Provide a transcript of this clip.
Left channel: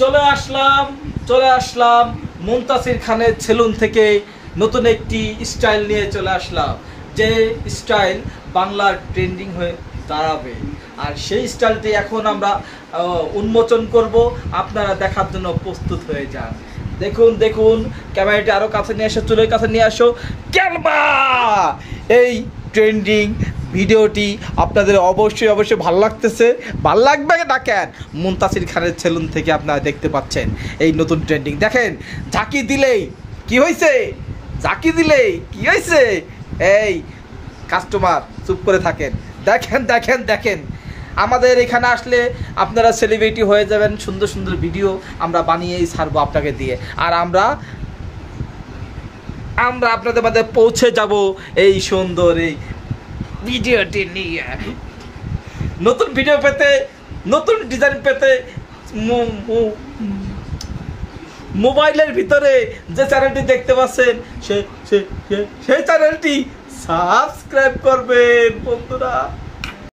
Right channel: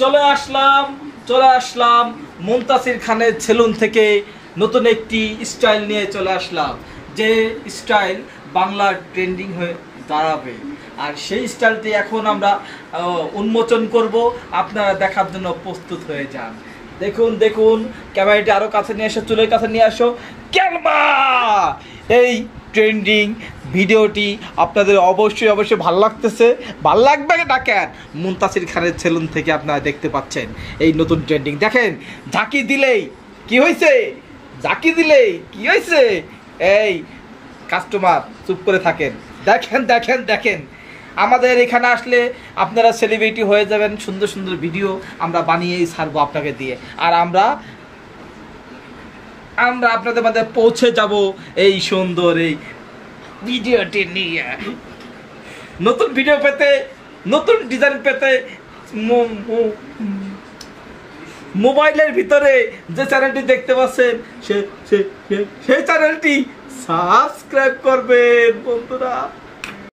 চলে আসলাম মুনতাসির খানের সেলুন থেকে নতুন একটি স্টাইল নিয়ে চলে আসলাম, যে স্টাইল বাংলার ট্রেন্ডিং হয়ে দাঁড়াবে। আর সেই স্টাইলটি এখন আমরা উন্মোচন করব, আপনারা দেখার জন্য প্রস্তুত হয়ে যান। দেখুন দেখুন, ক্যামেরাটি আরো কাছে নিয়ে আসো, চুলের কাছে নিয়ে আসো। ক্যালমা এই ট্রেন্ডিং ভিডিওটি আপনাদের অবশ্যই ভালো লাগতেছে। ভালো লাগবে না কেন? মুনতাসির খানের সেলুন থেকে আপনারা দেখতে পাচ্ছেন এই নতুন ট্রেন্ডিং। দেখেন, ঝাঁকি দিলেই কি হয়েছে, ঝাঁকি দিলেই কি হয়েছে, এই কাস্টমার চুপ করে থাকেন। দেখেন দেখেন দেখেন, আমাদের এখানে আসলে আপনারা সেলিব্রিটি হয়ে যাবেন। সুন্দর সুন্দর ভিডিও আমরা বানিয়েই ছাড়বো আপনাকে দিয়ে, আর আমরা আপনাদের মধ্যে পৌঁছে যাব এই সুন্দর এই ভিডিওটি নিয়ে। নতুন ভিডিও পেতে, নতুন ডিজাইন পেতে মোবাইলের ভিতরে যে চ্যানেলটি দেখতে পাচ্ছেন সেই চ্যানেলটি সাবস্ক্রাইব করবেন বন্ধুরা।